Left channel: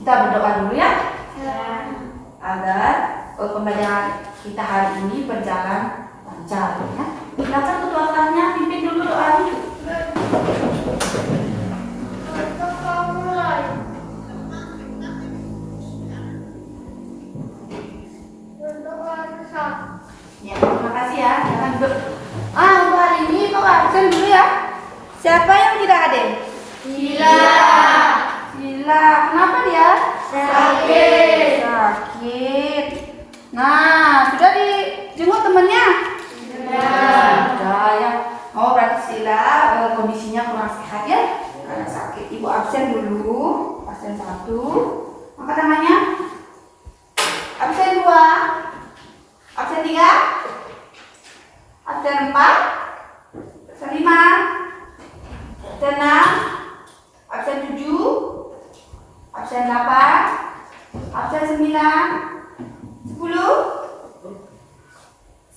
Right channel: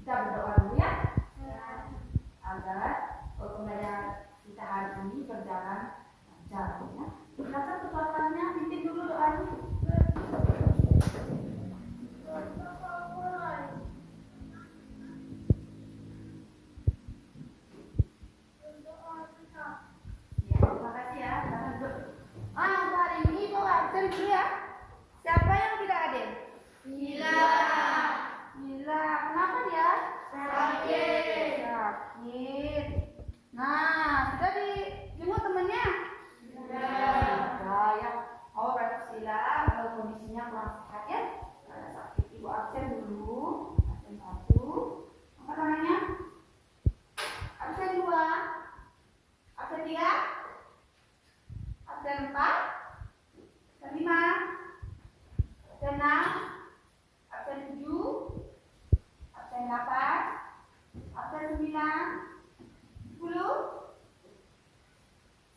kita berdoa dulu ya. Agar pembelajaran kita hari ini berjalan lancar ya. Silakan ketua kelasnya pimpin dulu doanya. Ya, terima kasih ya. Jangan untuk hari ini kau absen dulu ya. Siapa yang tidak hadir? Sila. Sila, kenapa dia? Sakit. Sakit. Nah, sudah dijenguk temannya? Sudah ya. Oh, berarti Sila kondisinya kurang sehat ya? Karena sakit. Ibu absen dulu. Absen 1. Angkat tangannya. Absen 2. Absen 3. Absen 4. Absen 5. Absen 6. Absen 7. Absen 8. Absen 9. 10.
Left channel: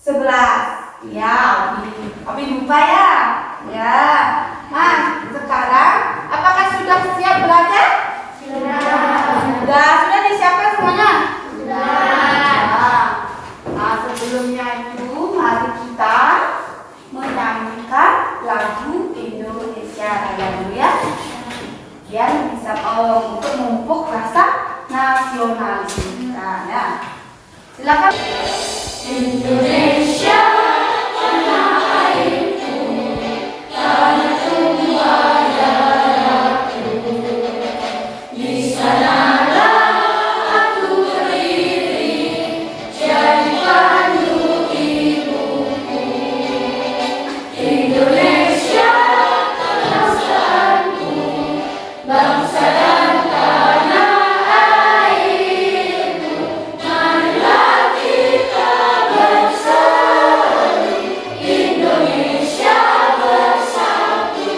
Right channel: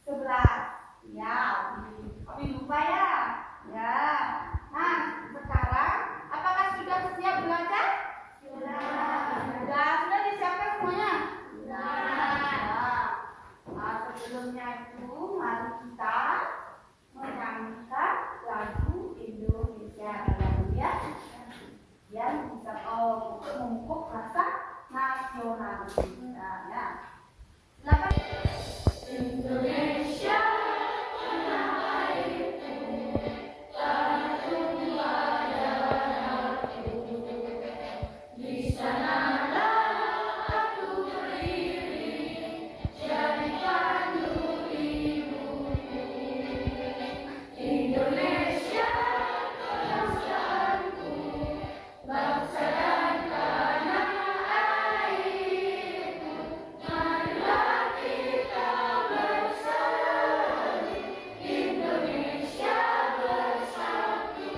11. Ya, Abi lupa ya. Ya. Nah, sekarang apakah sudah siap belajar? Sudah disiapkan semuanya? Nah, sebelumnya itu mari kita menyanyikan lagu Indonesia Raya dulu ya. Biar bisa untuk memupuk rasa nasionalis kita ya. Silakan. Indonesia tanah airku, tanah tumpah darahku. Di sanalah aku berdiri, jadi pandu ibuku. Indonesia bangsaku, bangsa dan tanah airku. Marilah kita bersatu, Indonesia bersatu.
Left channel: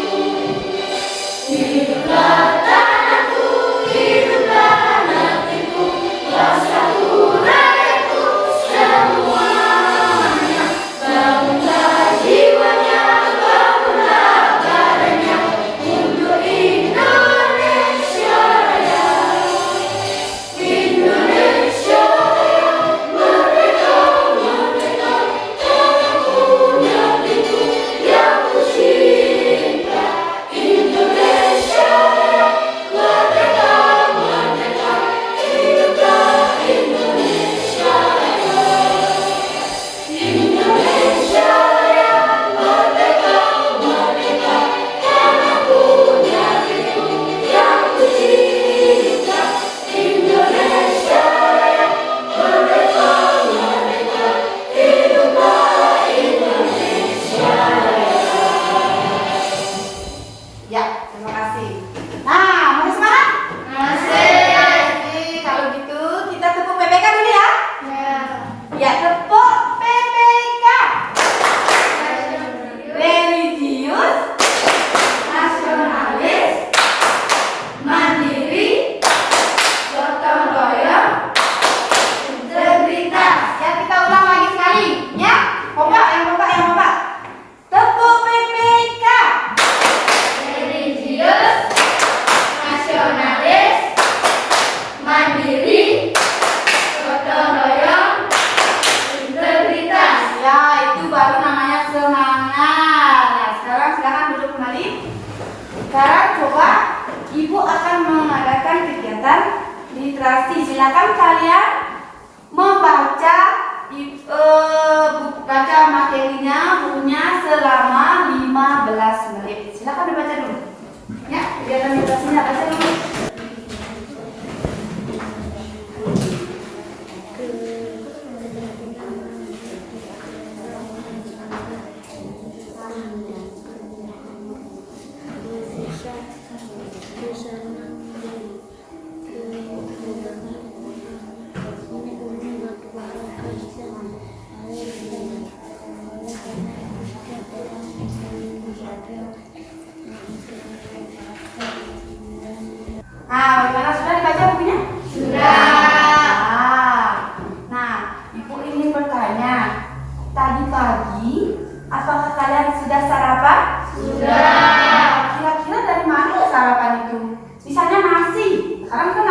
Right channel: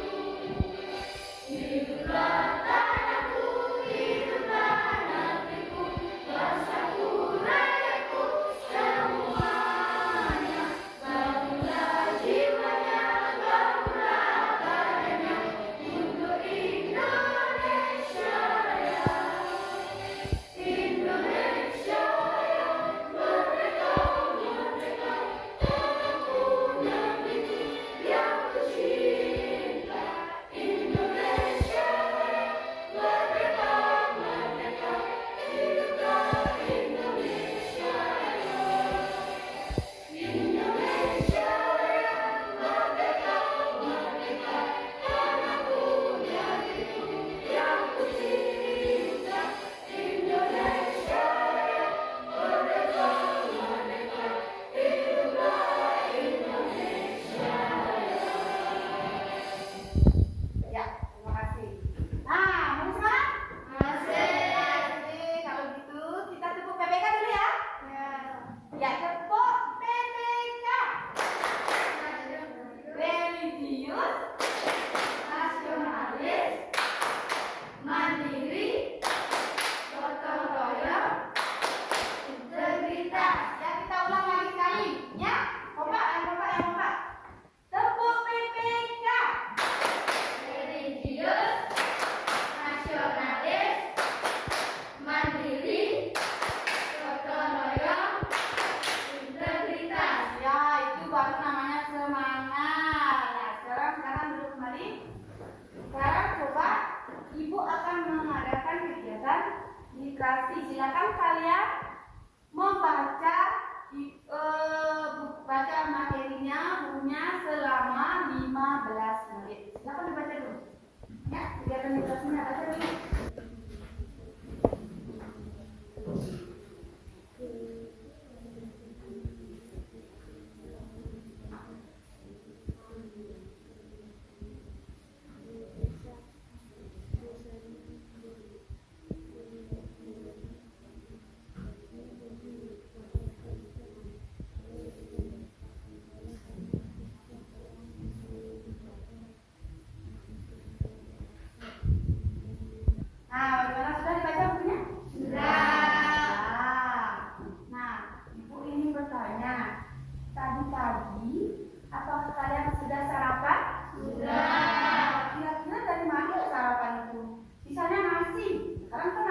Hiduplah tanahku, hiduplah negeriku, bangsaku, rakyatku semuanya. Bangunlah jiwanya, bangunlah badannya untuk Indonesia Raya. Indonesia Raya, merdeka, merdeka, tanahku, negeriku yang ku cinta. Indonesia Raya, merdeka, merdeka, hiduplah Indonesia Raya. Indonesia Raya, merdeka, merdeka, tanahku, negeriku yang ku cinta. Indonesia Raya, merdeka, merdeka, hiduplah Indonesia Raya. Ya, terima kasih. Nah, mau semangat? Masih. Kalau gitu kita tepuk PPK dulu ya. Ya, tepuk PPK. Religius, nasionalis, mandiri, gotong royong, integritas. Ya, kita ulang lagi sekali. Ya, kompak. Tepuk PPK. Religius, nasionalis, mandiri, gotong royong, integritas. Ya, itu baru namanya semangat. Nah, sekarang silakan duduk kembali. Sekarang coba Ibu akan mengadakan kegiatan literasi. Silakan kalian membaca baca materinya, bukunya selama 15 menit. Silakan dibaca dulu. Ya, kegiatan literasinya baca dulu. Nah, bagaimana sudah dibaca bukunya? Sudah. Nah, Ibu ingin bertanya, tadi pagi apakah kalian sudah sarapan? Sudah. Kira-kira dari mana sarapan itu? Misalnya nasi, sekarang kan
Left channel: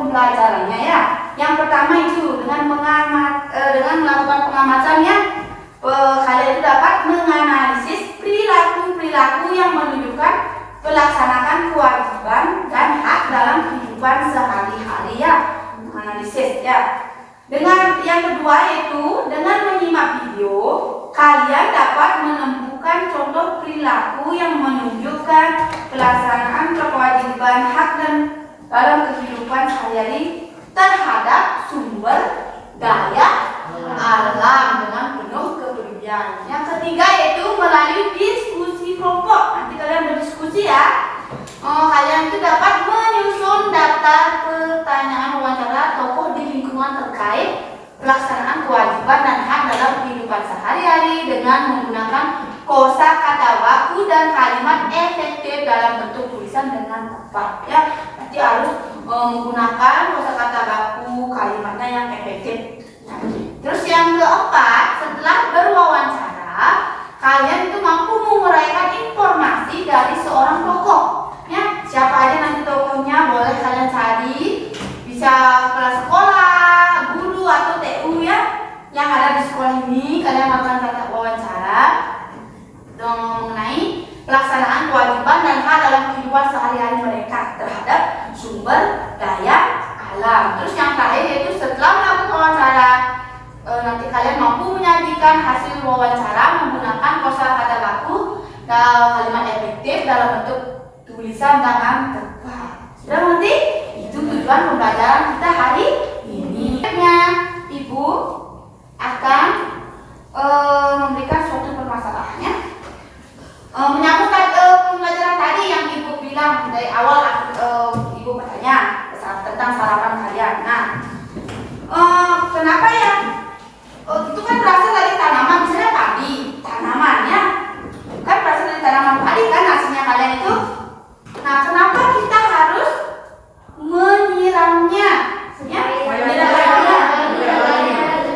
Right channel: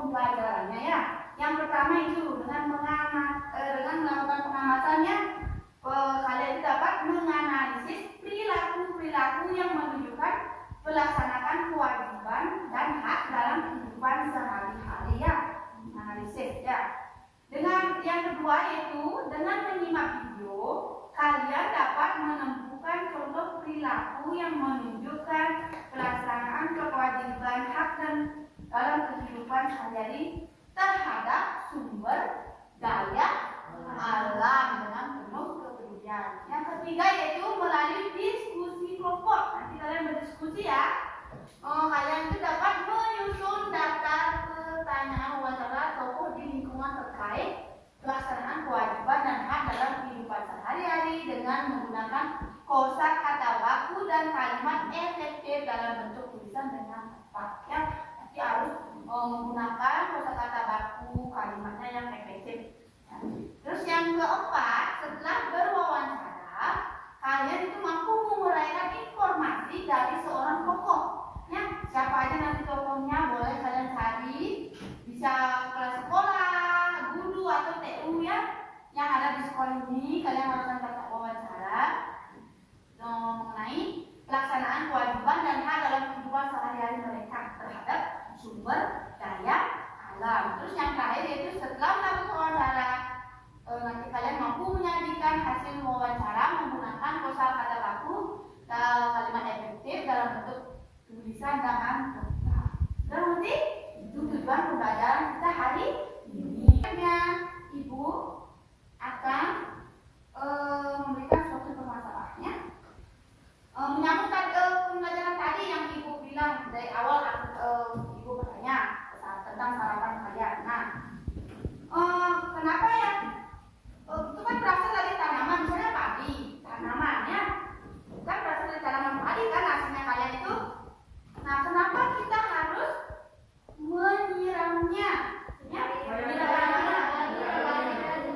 pembelajarannya ya. Yang pertama itu dengan melakukan pengamatannya, kalian itu dapat menganalisis perilaku yang menunjukkan pelaksanaan kewajiban dan hak dalam kehidupan sehari-hari ya. Menganalisis ya. Dengan yang kedua yaitu dengan menyimak video, kalian dapat menemukan contoh perilaku yang menunjukkan pelaksanaan kewajiban hak dan dalam kehidupan sehari-hari terhadap sumber daya alam dengan penuh kepedulian. Yang ketiga yaitu melalui diskusi kelompok. Nanti kalian berdiskusi ya. Kalian itu dapat menyusun data pertanyaan wawancara tokoh di lingkungan terkait pelaksanaan kewajiban dan hak dalam kehidupan sehari-hari dengan menggunakan kosakata baku dan kalimat efektif dalam bentuk tulisan dengan tepat ya. Nanti harus menggunakan kosakata baku, kalimatnya yang efektif. Nah, terus yang keempat, setelah berwawancara, kalian itu mampu menguraikan informasi dari seorang tokoh. Ya, siapa aja nanti tokohnya boleh kalian cari, bisa kepala sekolah, guru atau TU ya, yang ada di sekolah ini. Kalian akan kata wawancara mengenai pelaksanaan kewajiban dan hak dalam kehidupan sehari-hari mereka terhadap sumber daya alam. Terus yang terakhir yaitu setelah melakukan wawancara, nanti kalian mampu menyajikan hasil wawancara menggunakan kosakata baku dan kalimat efektif dalam bentuk tulisan dengan tepat. Sudah mengerti? Itu tujuan pembelajaran kita hari ini. Ibu akan memberikan suatu permasalahannya menyambut pembelajaran tadi yang ibu bilang dari awal. Ibu bertanya tentang sarapan kalian. Nah, kenapa ya? Itu kan berasal dari tanaman, misalnya padi, tanamannya kan berasal dari tanaman padi kan hasilnya kalian itu. Nah, kenapa kita harus menyiramnya? Ya, menyiramnya.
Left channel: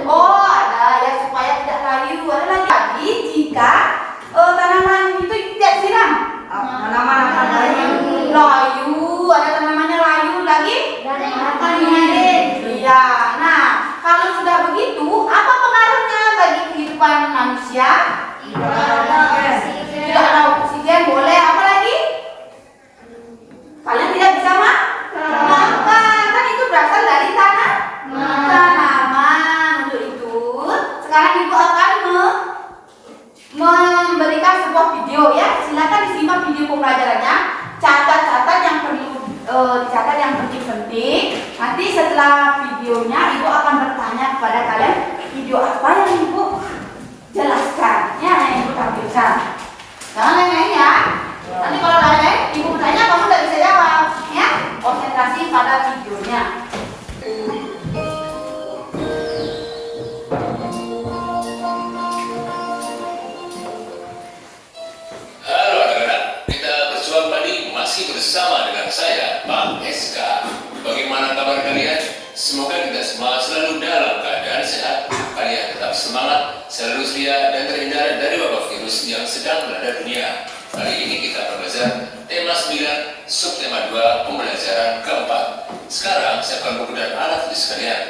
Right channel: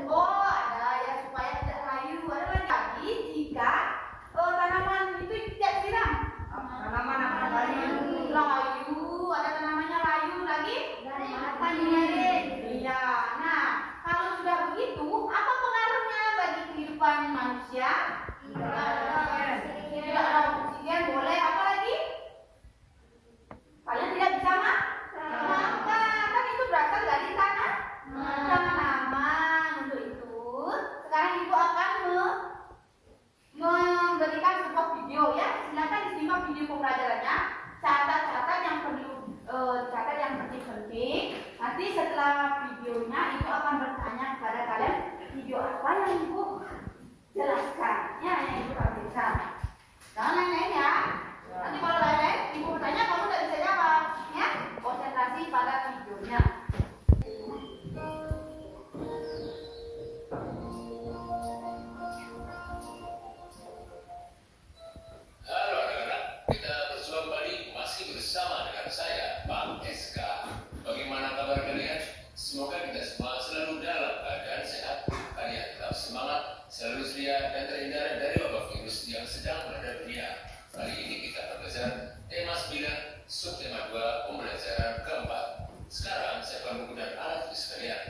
Oh, ada ya supaya tidak layu. Ada lagi. Jadi jika tanaman itu tidak siram, tanaman akan layu. Ada tanamannya layu lagi. Akan mengalir. Iya. Nah, kalau sudah begitu, apa pengaruhnya bagi kehidupan manusia? Tidak ada oksigen, boleh apa lagi? Kalian tidak bisa makan, kan itu berasal dari tanaman. Untuk itu, sekarang ibu akan memberikan sebuah video ya. Silakan disimak video pembelajarannya. Catat-catat yang perlu dicatat yang penting-penting. Nanti setelah videonya, ibu akan bertanya kepada kalian video apa yang ibu jelaskan, ya, yang ibu tampilkan. Jangan lain-lain ya. Nanti kalau lain-lain, ibu bertanya, kamu tidak bisa jawab, ya. Konsentrasi pada videonya. Halo anak-anak, kita berjuang pagi masih bersama dengan saya, Pak SK. Bagaimana kabar kalian? Semoga kita semua selalu dalam keadaan sehat. Kalian tetap semangat, selalu setia dan terhindar dari wabah virus yang sedang melanda dunia. Kali ini kita belajar tema 9, subtema 2, pembelajaran keempat. Sekarang saya akan menggunakan alat tulis kalian.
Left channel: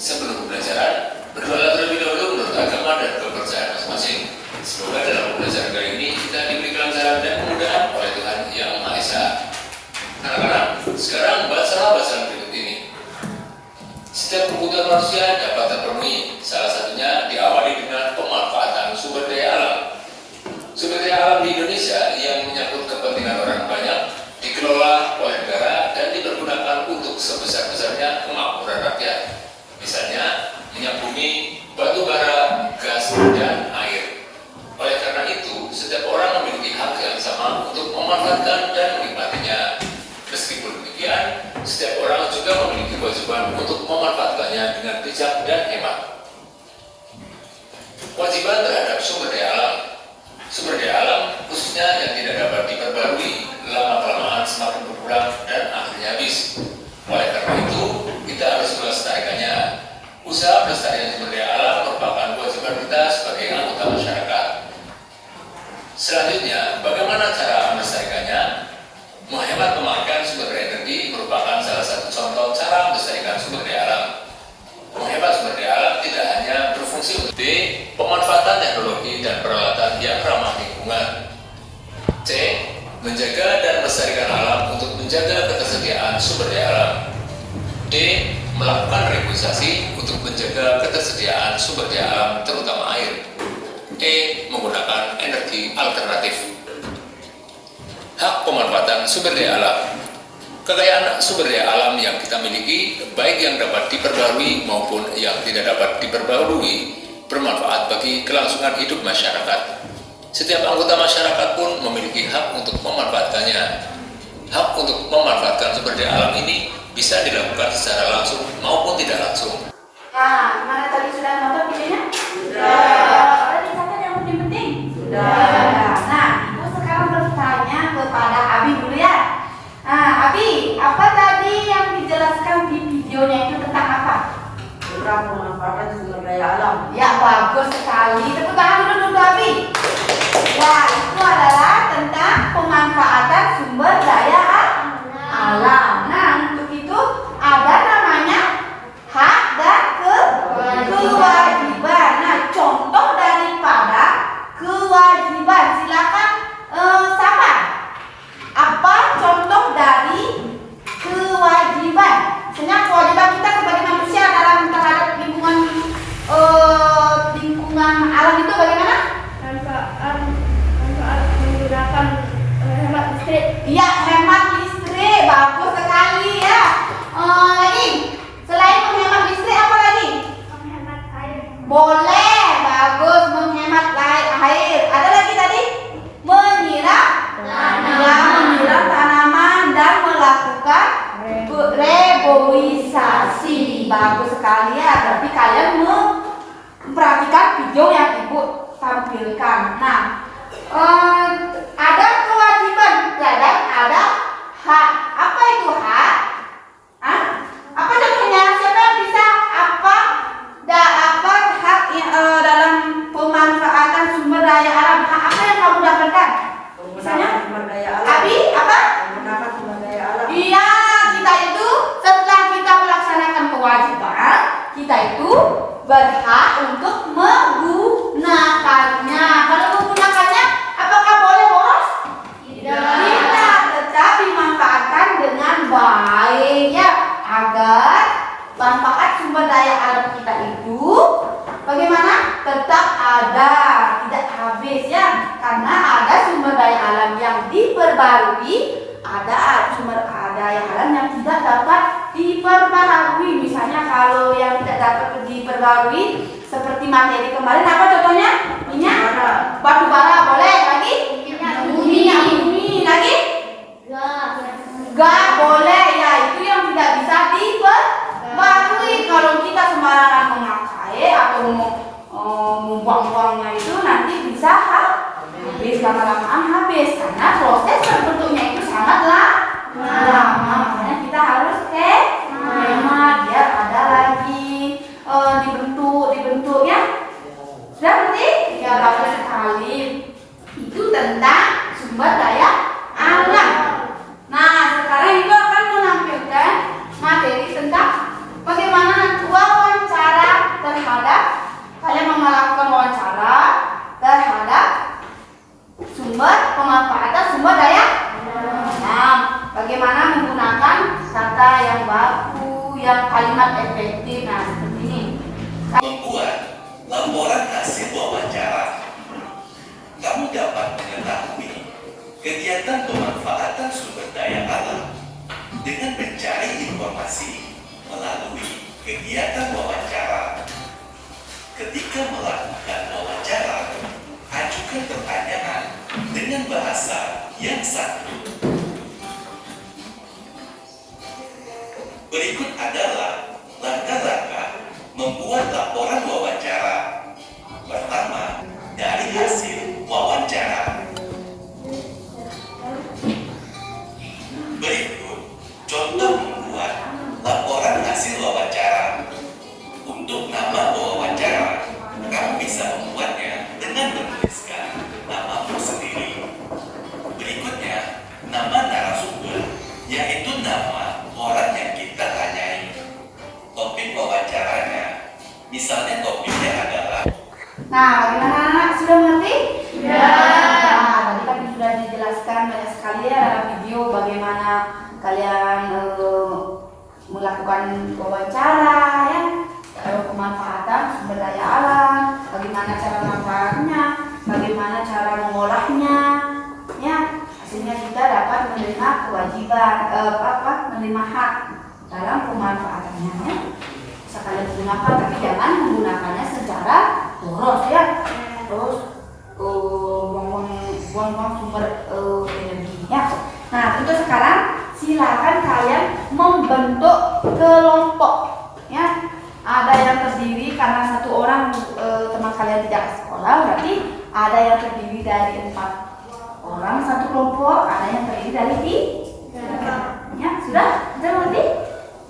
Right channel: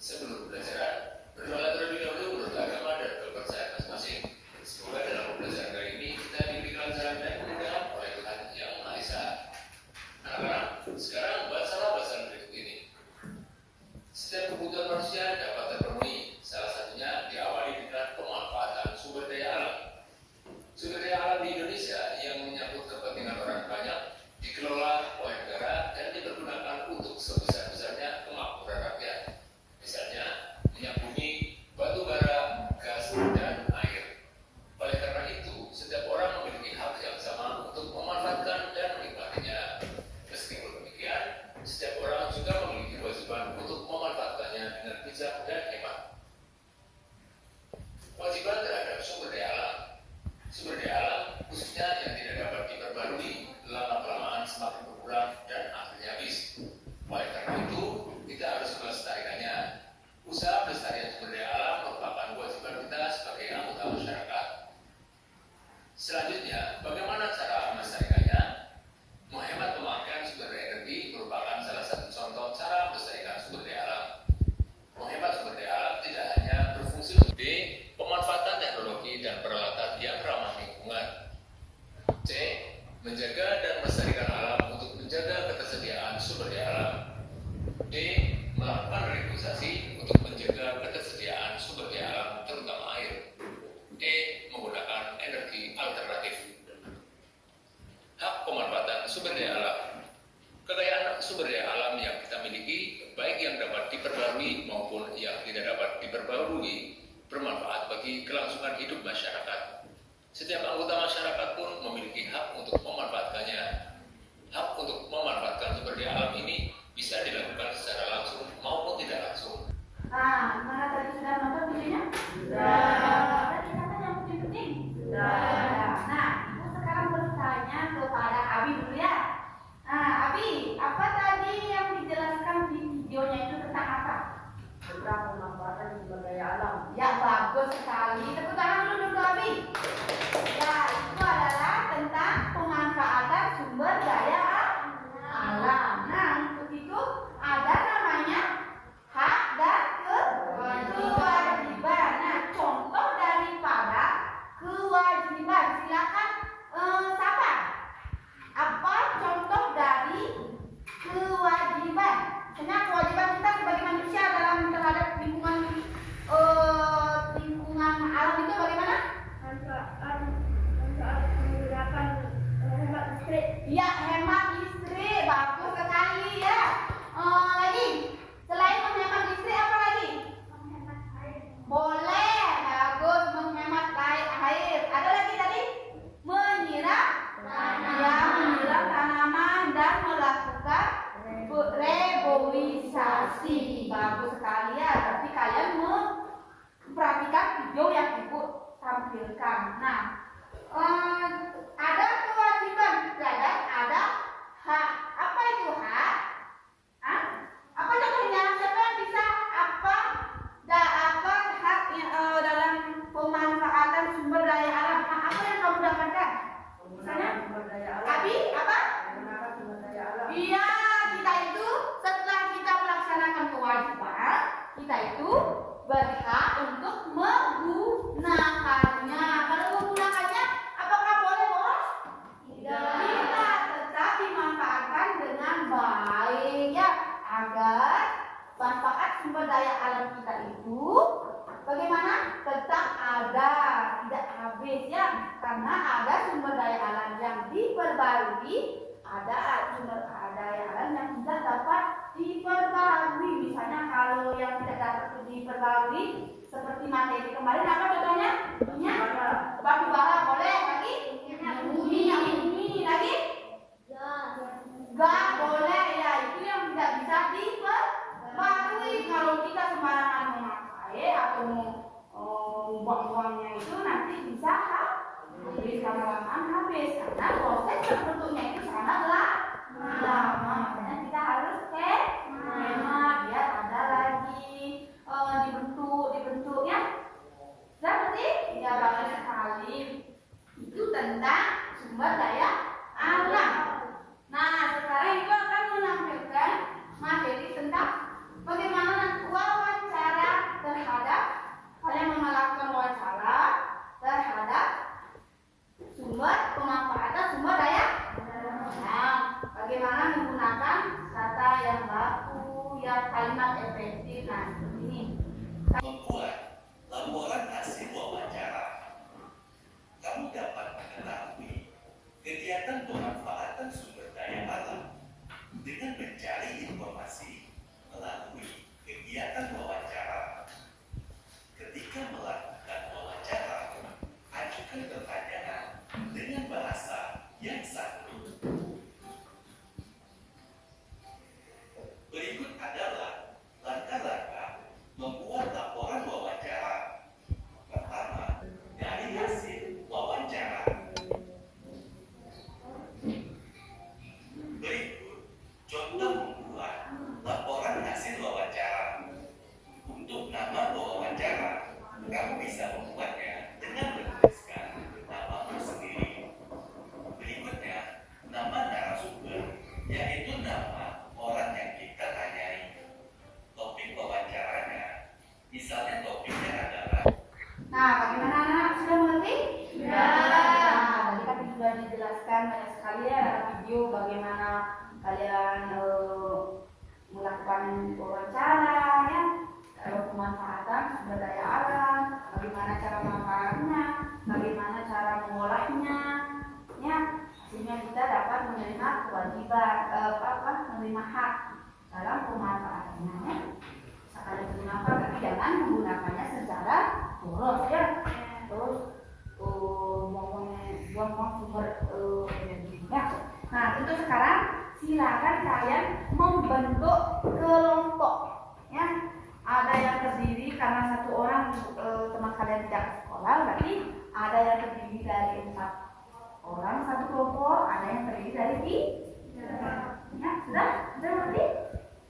Sebelum pembelajaran, berdoa terlebih dahulu menurut agama dan kepercayaan masing-masing. Semoga dalam pembelajaran kali ini kita diberi kelancaran dan kemudahan oleh Tuhan Yang Maha Esa. Anak-anak, sekarang bacalah bacaan berikut ini. Setiap kebutuhan manusia dapat terpenuhi, salah satunya diawali dengan pemanfaatan sumber daya alam. Sumber daya alam di Indonesia yang menyangkut kepentingan orang banyak dikelola oleh negara dan dipergunakan untuk sebesar-besarnya kemakmuran rakyat. Misalnya, minyak bumi, batu bara, gas, dan air. Oleh karena itu, setiap orang memiliki hak yang sama untuk memanfaatkan dan menikmatinya. Meskipun demikian, setiap orang juga memiliki kewajiban untuk memanfaatkannya dengan bijak dan hemat. Kewajiban terhadap sumber daya alam. Sumber daya alam, khususnya yang tidak dapat diperbarui, lama-kelamaan semakin berkurang dan akhirnya habis. Oleh karena itu, kita harus melestarikannya. Usaha pelestarian sumber daya alam merupakan kewajiban kita sebagai anggota masyarakat. Selanjutnya, bagaimana cara melestarikannya? Menghemat pemakaian sumber daya energi merupakan salah satu contoh cara menjaga dan melestarikan alam untuk menjaga ketersediaan sumber daya alam. D. Melakukan reboisasi untuk menjaga ketersediaan sumber daya alam terutama air. E. Menggunakan energi alternatif. Hak pemanfaatan sumber daya alam. Kekayaan sumber daya alam yang kita miliki, baik yang dapat diperbarui maupun yang tidak dapat diperbarui, bermanfaat bagi kelangsungan hidup masyarakat. Setiap anggota masyarakat pun memiliki hak untuk memanfaatkannya. Hak untuk memanfaatkan sumber daya alam ini bisa dilakukan secara langsung maupun tidak langsung. Nah, gimana tadi sudah nonton videonya? Sudah. Ada dicatat yang penting-penting? Sudah. Nah, ibu sekarang bertanya kepada Abi dulu ya. Nah, Abi, apa tadi yang dijelaskan di videonya itu tentang apa? Tentang pemanfaatan sumber daya alam. Ya, bagus sekali. Tepuk tangan dulu Abi. Ya, itu adalah tentang pemanfaatan sumber daya alam. Nah, untuk itu ada namanya hak dan kewajiban. Nah, contoh daripada kewajiban, silakan siapa? Apa contoh dari kewajiban? Misalnya kewajiban kita sebagai manusia dalam terhadap lingkungan alam itu bagaimana? Manfaat menggunakan hemat listrik. Iya, hemat listrik, bagus sekali ya. Lagi, selain menghemat listrik apa lagi? Menghemat air. Boleh, bagus, menghemat air. Ada lagi tadi? Menyiram tanaman dan melakukan reboisasi. Bagus sekali ya. Berarti kalian memperhatikan video yang ibu tampilkan. Nah, ada kewajiban dan ada hak. Apa itu hak? Hah? Apa contohnya? Siapa yang bisa apa hak dalam pemanfaatan sumber daya alam? Hak apa yang kamu dapatkan? Misalnya, Sumber daya alam. Abi, apa? Menggunakan sumber daya alam. Iya, kita itu setelah kita melaksanakan kewajiban, kita itu berhak untuk menggunakannya. Kalau menggunakannya, apakah boleh boros? Tidak, tetap dimanfaatkan dengan baik ya, agar manfaat sumber daya alam kita itu bagaimana? Tetap ada, tidak habis ya. Karena ada sumber daya alam yang diperbarui, ada sumber daya alam yang tidak dapat diperbarui. Misalnya kalau yang tidak dapat diperbarui seperti materi kemarin, apa contohnya? Minyak, batu bara, boleh lagi? Minyak bumi, lagi? Gak boleh ya, itu yang tidak bisa diperbarui. Kalau kita sembarangan memakai atau membuang-buangnya itu nanti bisa habis, lama-lamaan habis karena proses terbentuknya itu sangatlah lama. Makanya kita harus hemat biar ada lagi dibentuk ya. Sudah berarti? Ya, bagus sekali. Itu tentang sumber daya alam. Nah, sekarang ibu akan menampilkan materi tentang bagaimana wawancara terhadap kalian melakukan wawancara terhadap pemanfaatan sumber daya alam. Bagaimana menggunakan kata yang baku, yang kalimat efektif. Nah, seperti ini. Membuat laporan hasil wawancara. Kamu dapat mengetahui kegiatan pemanfaatan sumber daya alam dengan mencari informasi melalui kegiatan wawancara. Ketika melakukan wawancara, ajukan pertanyaan dengan bahasa yang santun. Berikut adalah langkah-langkah membuat laporan wawancara. Pertama, dari hasil wawancara. Berikut contoh membuat laporan hasil wawancara. Untuk nama wawancara, kamu bisa membuatnya dengan menuliskan namamu sendiri. Berikutnya, nama narasumber, yaitu nama orang yang kita tanyai. tadi ya dalam video bagaimana kalian melakukan wawancara ya, pemanfaatan sumber daya alam, bagaimana cara memanfaatnya, bagaimana cara mengolahnya, ya hasilnya kita dapat menerima kewajiban menerima hak dalam pemanfaatannya ya. Bisa kalian gunakan tapi jangan menggunakannya secara boros ya. Terus buang-buang sumber energinya. Nah, untuk sekarang silakan kalian membentuk kelompok ya. Ada yang terdiri karena satu orang teman kalian tidak ke sekolah, berarti ada yang terdiri dari 4 orang satu kelompok, ada yang terdiri dari 3. Ya, sudah mengerti?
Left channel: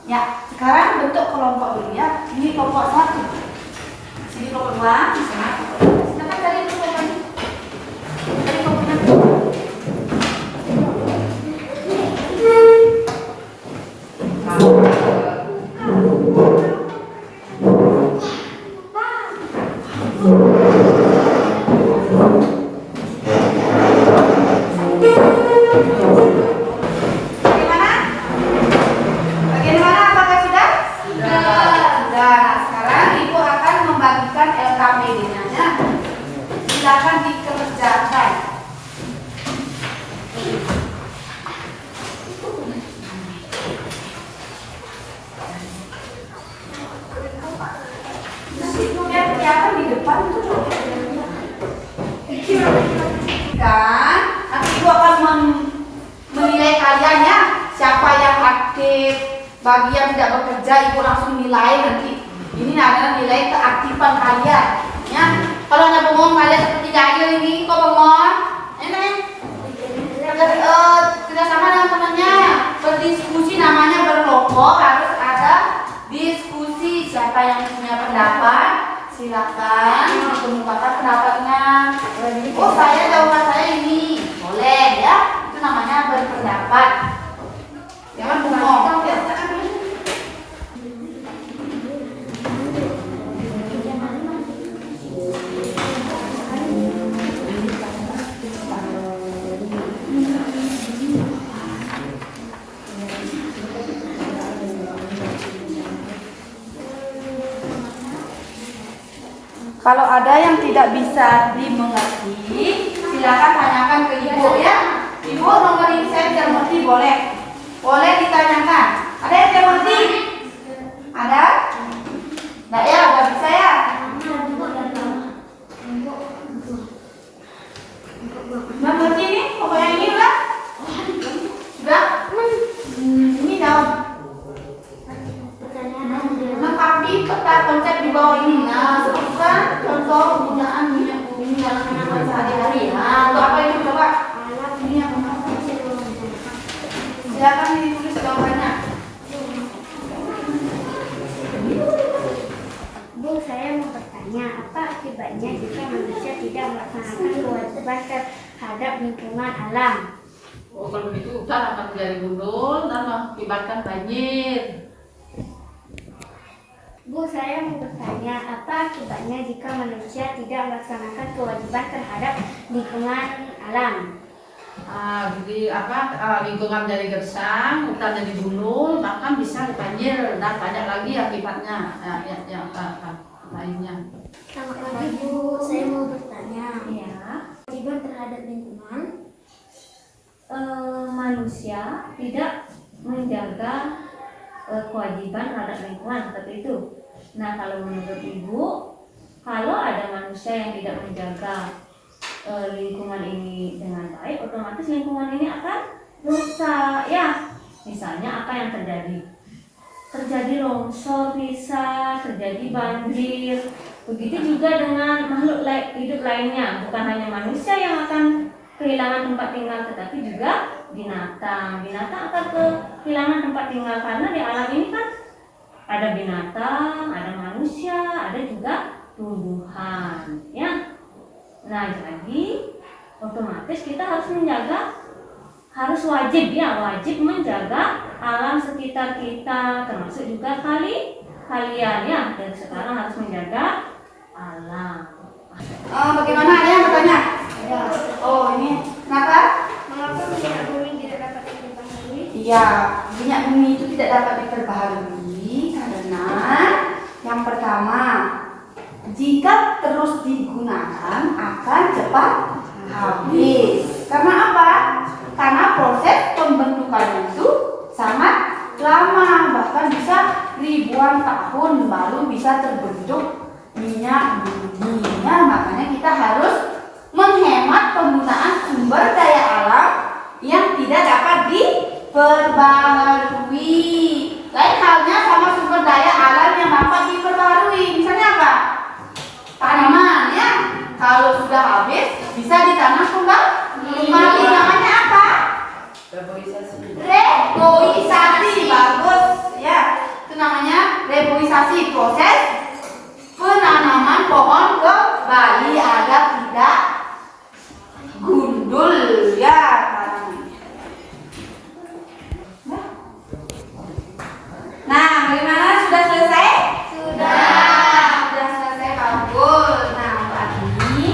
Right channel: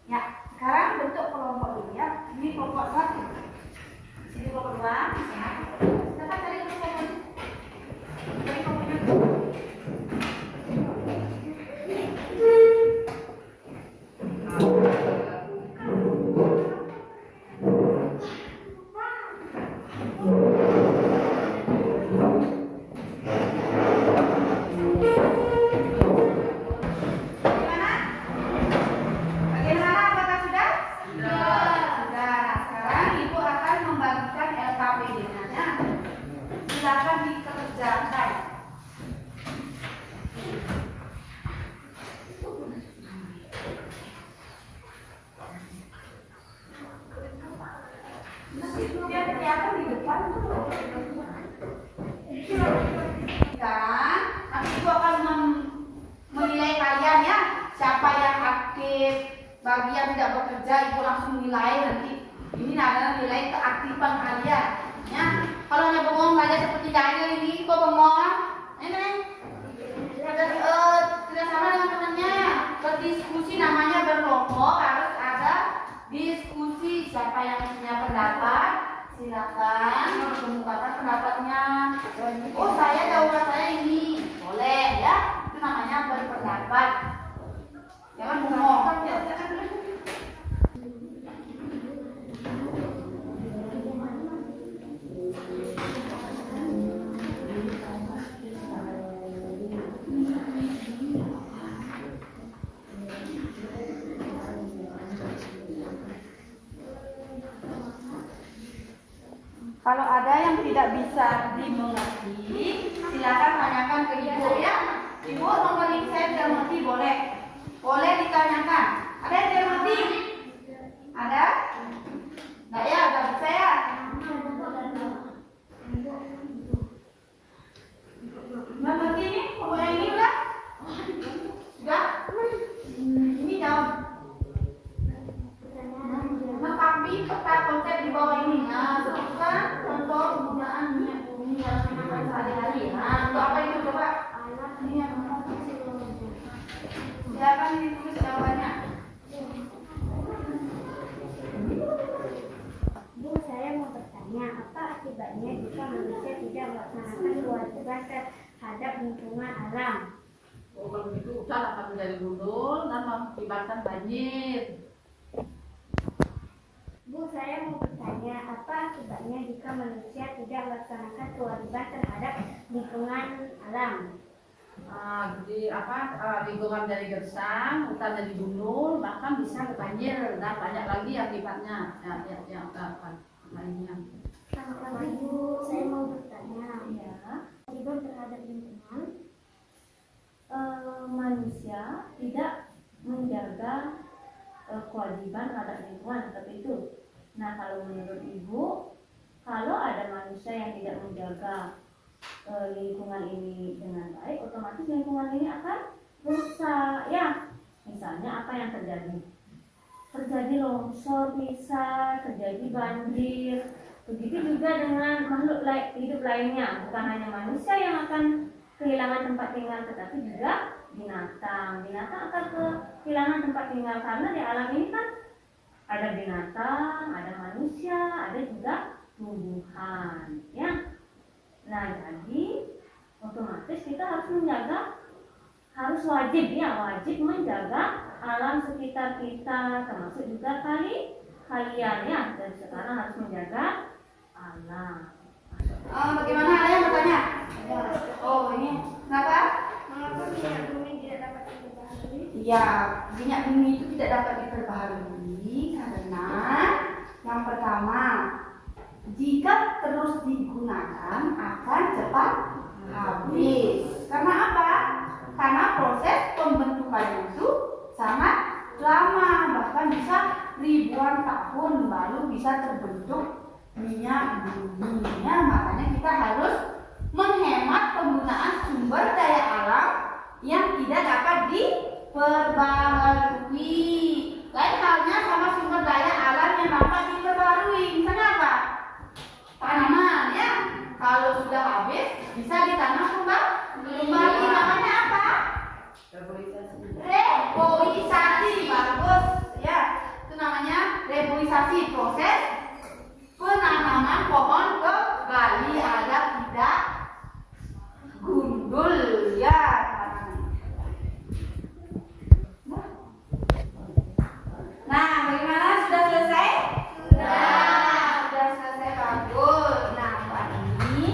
Ya, sekarang bentuk kelompok dulu ya. Ini kelompok 1. Sini kelompok 2, di sana. Silakan kalian bentuk lagi. Dari kelompok 3. Bagi yang tidak bekerja, ibu langsung nilai nanti. Ini adalah nilai keaktifan kalian. Ya, kalau hanya bengong kalian seperti Jahil ini, kok bengong? Ini tidak sama dengan temannya. Berdiskusi namanya berkelompok, harus ada diskusi. Siapa yang punya pendapat, silakan mengemukakan pendapatnya. Oh, jawaban saya ini, boleh ya. Itu namanya berpendapat. Jangan bengong. Kalau ada yang tidak bisa dimengerti, silakan tanyakan ke ibu ya. Ibu nomor ini saya tidak mengerti, boleh ditanyakan. Ada yang tidak mengerti? Ada? Nggak ya, nggak bisa ya. Mengerti ini? Pokoknya ini udah? Sudah? Ini daun. Lengkapi peta konsep di bawah ini. Nah, sebutkan contoh penggunaan minyak bumi dalam kehidupan sehari-hari. Nah, untuk apa itu coba? Ini yang silakan ditulis jawabannya. Bu, saya mau bertanya, apa akibatnya jika manusia tidak melaksanakan kewajiban terhadap lingkungan alam? Oh, kalau begitu hutan akan menjadi gundul dan mengakibatkan banjir. Bu, saya mau bertanya, apa akibatnya jika manusia tidak melaksanakan kewajiban terhadap lingkungan alam? Jadi lingkungan jadi gersang, hutan jadi gundul, bahkan bisa banjir dan banyak lagi akibatnya yang lainnya. Selamat pagi Bu, saya mau bertanya. Ya, Kewajiban terhadap lingkungan. manusia tidak menjaga kewajiban terhadap lingkungan seperti itu. Nah, kalau menurut Ibu, kalau ada manusia yang tidak menjaga lingkungan ini dengan baik, otomatis lingkungan ini akan rusak ya. Misalnya apa yang terjadi? Terjadi longsor bisa, terjadi banjir. Begitu juga dengan makhluk hidup lainnya, bukan hanya manusia yang akan kehilangan tempat tinggal, tetapi juga binatang. Binatang akan kehilangan tempat tinggal karena di alam ini kan ada binatang, ada manusia, ada juga tumbuhan, ya. Nah, jadi otomatis kita harus menjaga, wajib menjaga alam sekitar kita, termasuk juga kalian ya. Dan sekarang harus menjaga alam. Bagaimana, ada yang bertanya? Oh, ini kenapa? Mengapa minyak bumi Ya, minyak bumi itu tidak dapat diperbaharui karena yang pertama, jika terus digunakan akan cepat habis. Karena apa? Karena proses pembentukannya itu sangat lama, bahkan bisa ribuan tahun baru bisa terbentuk minyak bumi. Ya, makanya kita harus menghemat penggunaan sumber daya alam yang tidak dapat diperbaharui. Lain halnya sama sumber daya alam yang dapat diperbaharui. Misalnya apa? Tanaman, ya. Kalau sudah habis bisa ditanam kembali. Namanya apa? Reboisasi. Bagus, ya. Itu namanya reboisasi, proses penanaman pohon kembali agar tidak gundul, ya, tanamannya. Nah, bagaimana? Sudah selesai? Sudah selesai, bagus. Nah, ini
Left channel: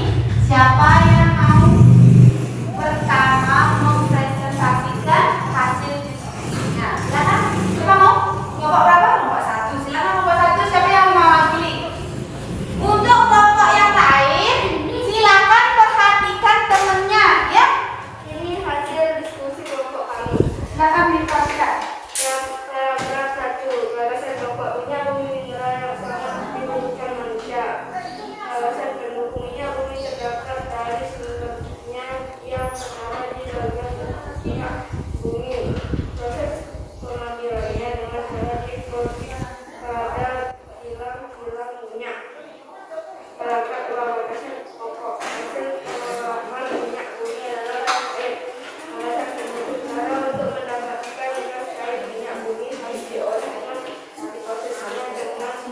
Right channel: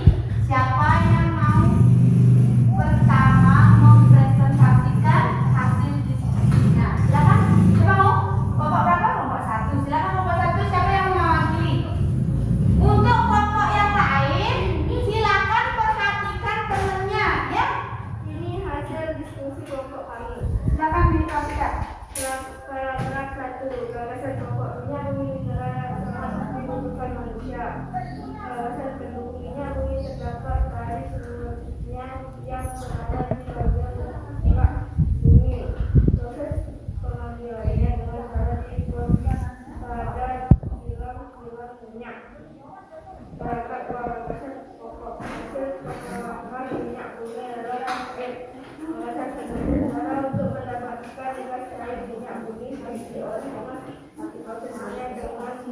siapa yang mau pertama mempresentasikan hasil diskusinya? Silakan. Siapa mau? Kelompok berapa? Kelompok 1. Silakan kelompok 1. Siapa yang mau mewakili? Untuk kelompok yang lain, silakan perhatikan temennya, ya. Ini hasil diskusi kelompok kami. Silakan diperhatikan. Paragraf 1. Gagasan kelompok minyak bumi mineral yang sangat dibutuhkan manusia. Gagasan pendukung minyak bumi terdapat dari sumbernya yang terdapat di bagian minyak bumi. Proses pengambilannya dengan cara diproses pada kilang-kilang minyak. Paragraf 2. Gagasan pokok hasil pengolahan minyak bumi adalah air. Gagasan pendukung cara untuk mendapatkan gas air minyak bumi harus dioleskan prosesnya dengan menyiapkan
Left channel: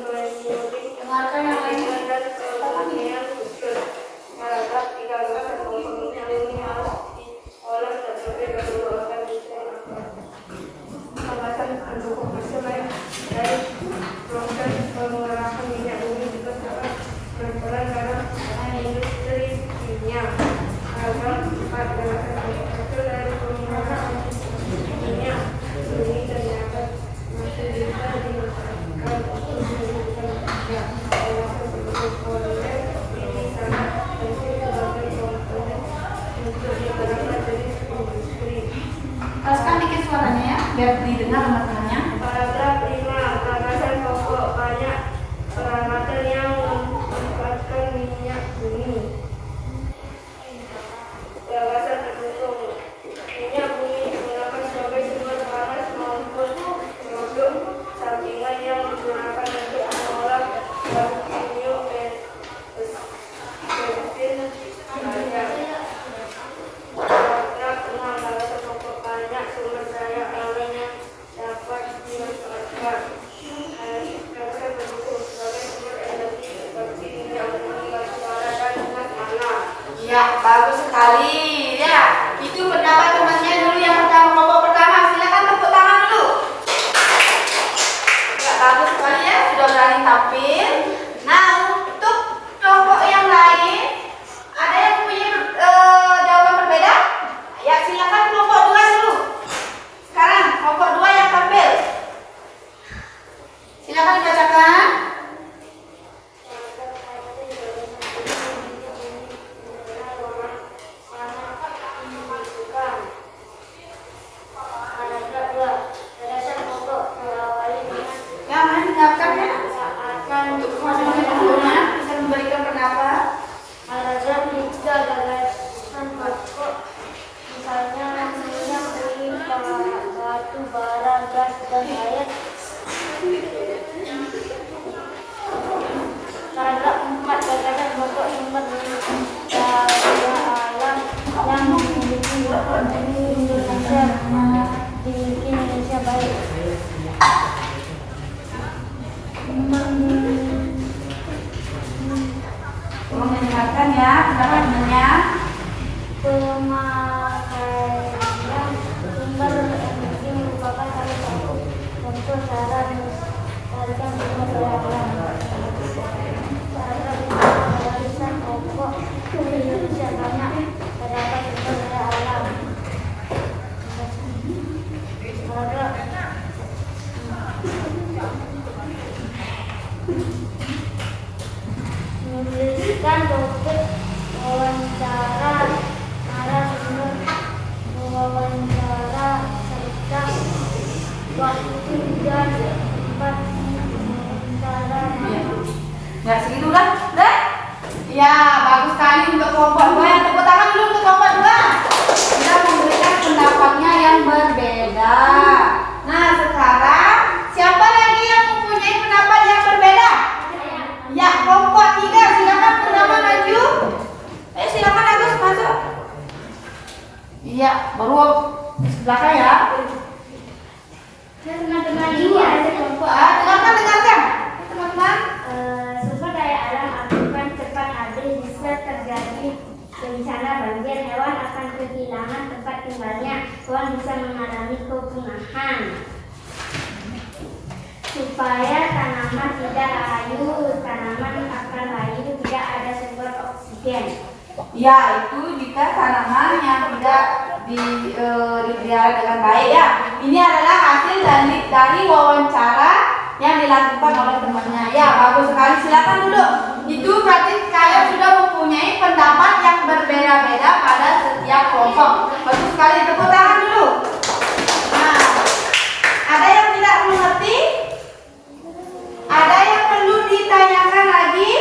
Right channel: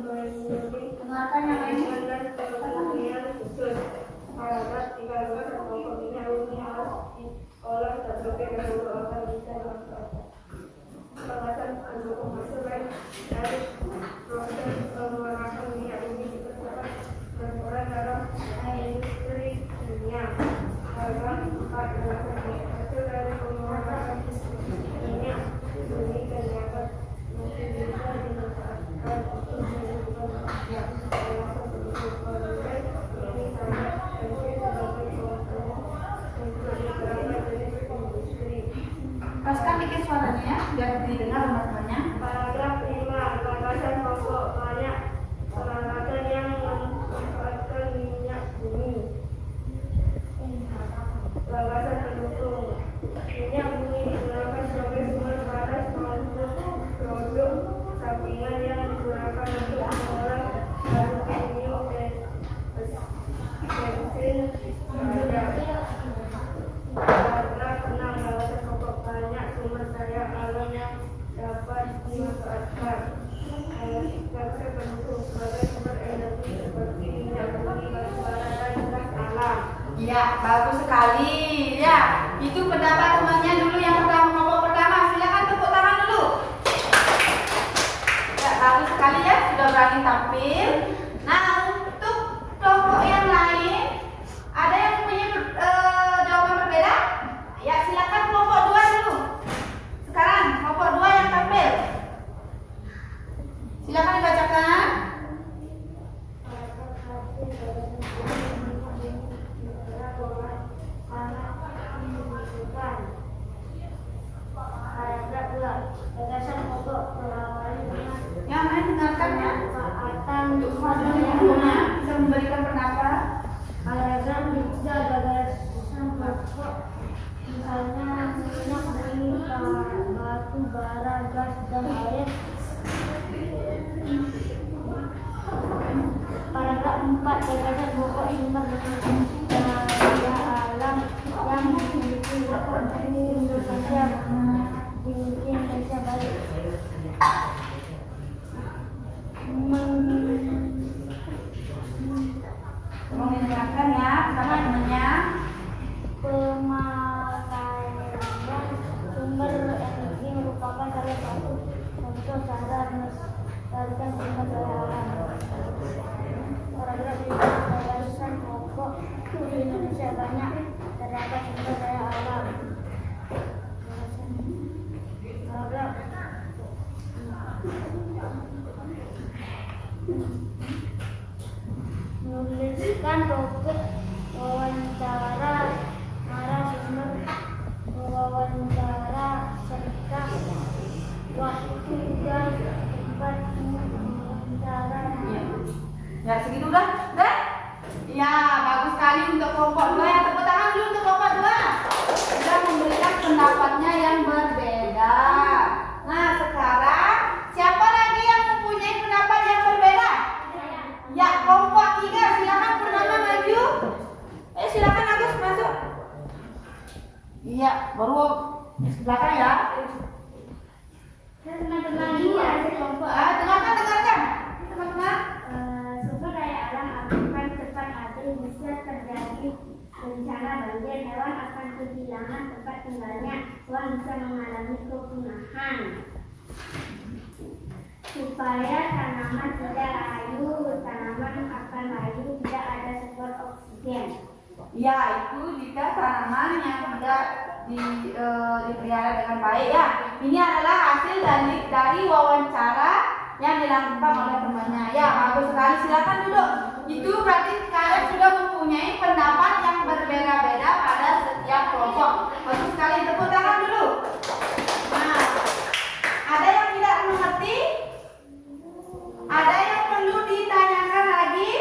Dengarkan yang lain. dan pemurnian kecil. Paragraf 3. Gagasan pokok minyak bumi harus diolah terlebih dahulu agar bisa dimanfaatkan. Gagasan pendukung hasil lain dari proses pengolahan minyak bumi juga dapat berperan dalam industri minyak. Paragraf 4. Gagasan pokok hasil dari pengolahan minyak bumi ternyata masih bisa dimanfaatkan untuk menghidupkan manusia. Gagasan pendukung polimer ini sangat penting sebagai komponen untuk beberapa jenis industri. Teruskan dikit suaranya, ya, biar didengar teman-temannya. Paragraf 5. Gagasan pokok banyak peralatan yang memanfaatkan minyak bumi. Gagasan pendukung minyak bumi digunakan sebagai sumber panas maupun produk sampingan yang digunakan untuk mengolah bahan kimia bensin minyak. Paragraf 6. Gagasan pokok banyak sumber daya alam yang dapat dimanfaatkan. Gagasan pendukung sebagai sumber energi seperti minyak bumi, batu bara, dan gas alam. Ya, bagus sekali. Ya, itu pendapat temannya dulu yang pertama, kelompok pertama. Silakan tepuk tangan dulu. Ya, bagus sekali, ya, sudah berani tampil. Nah, untuk kelompok yang lain, ada yang punya jawaban berbeda? Ya, silakan kelompok 2 dulu. Sekarang kelompok 2 yang tampil. Silakan dibacakan. Paragraf 2. Gagasan pokok diawali dengan Yang lain dengarkan, ya. akan Untuk kemajuan pembangunan bisa memberikan pendapat. paragraf 3. Gagasan pokok misalnya minyak bumi, batu bara, gas, dan air. Paragraf 4. Gagasan pokok sumber daya alam yang dimiliki Indonesia baik. Tolong dengarkan, ya, pendapat temannya. Pemakaian sumber energi merupakan salah satu contoh cara melestarikan sumber daya alam. Paragraf 5. Gagasan pokok Indonesia banyak terdapat sumber daya alam. Belakang ya. Teman-teman ini ada kelompok Dengarkan, teman-teman. sumber daya alam akan cepat habis bisa terjadi bencana banjir, hewan akan kehilangan tempat tinggalnya, hewan bisa mengalami kepunahan. Supaya tanaman tidak layu, tanaman akan layu, tidak ada sumber oksigen. Ya, itu jika tanaman yang tidak dipelihara dengan baik ya. Ini adalah hasil dari wawancara yang dilakukan oleh temannya. Ya, bagus sekali. Silakan duduk. Itu berarti kalian sudah mempunyai pendapat yang berbeda-beda pada setiap kelompok. Bagus sekali. Tepuk tangan dulu. Nah, ada yang tidak mengerti? Ada yang perlu ditanyakan lagi?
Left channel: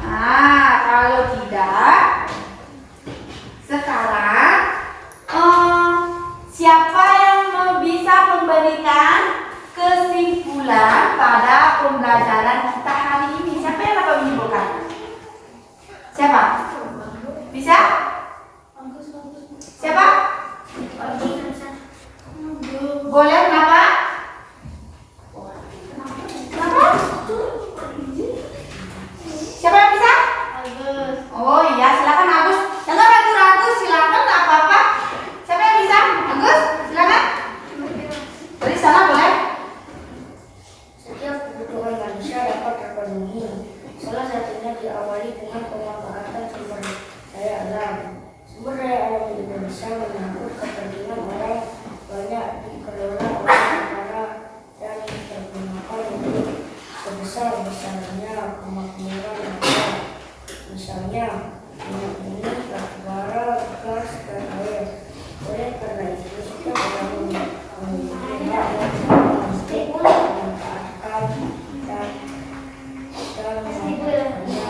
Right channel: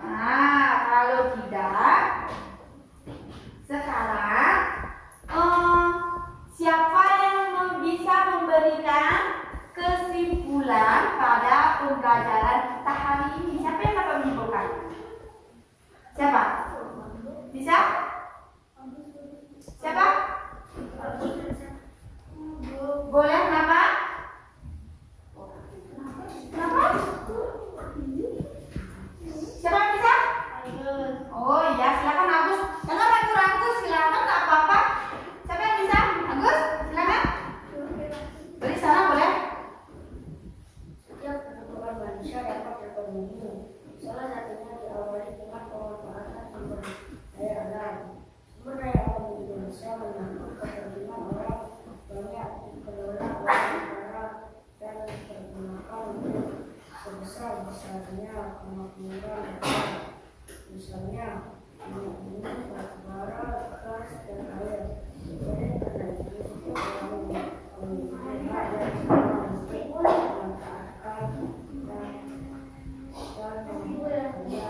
Nah, kalau tidak, sekarang siapa yang bisa memberikan kesimpulan pada pembelajaran kita hari ini? Siapa yang dapat menyimpulkan? Siapa? Bisa? Siapa? Boleh, kenapa? Kenapa? Siapa yang bisa? Oh iya, silakan Agus. Jangan ragu-ragu, silakan, tak apa-apa. Siapa yang bisa? Agus, silakan. Dari sana boleh. Setiap kebutuhan manusia dapat terpenuhi. Salah satunya diawali dengan pemanfaatan sumber daya alam. Sumber daya alam di Indonesia menyangkut kepentingan orang banyak, dikelola oleh negara dan digunakan untuk sebesar-besarnya kemakmuran negara. Misalnya, minyak bumi, batubara, gas, dan air. Oleh karena itu, setiap orang memiliki hak dan untuk memanfaatkan dan memanfaatkannya.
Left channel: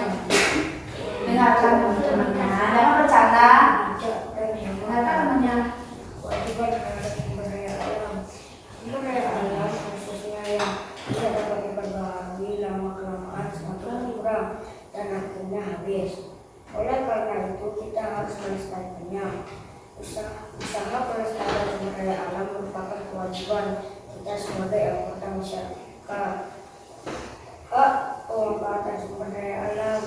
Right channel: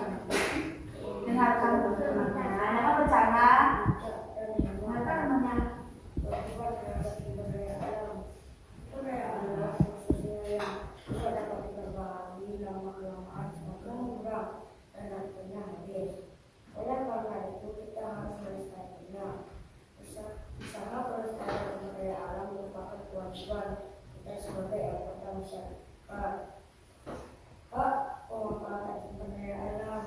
Dengarkan teman-teman, jangan bercanda. Bijak dan Dengarkan temannya. kewajiban terhadap sumber daya alam. Sumber daya alam khususnya yang tidak dapat diperbarui lama-kelamaan semakin kurang dan akhirnya habis. Oleh karena itu kita harus melestarikannya. Usaha pelestarian sumber daya alam merupakan kewajiban kita sebagai anggota masyarakat. Hak pemanfaatan sumber daya alam.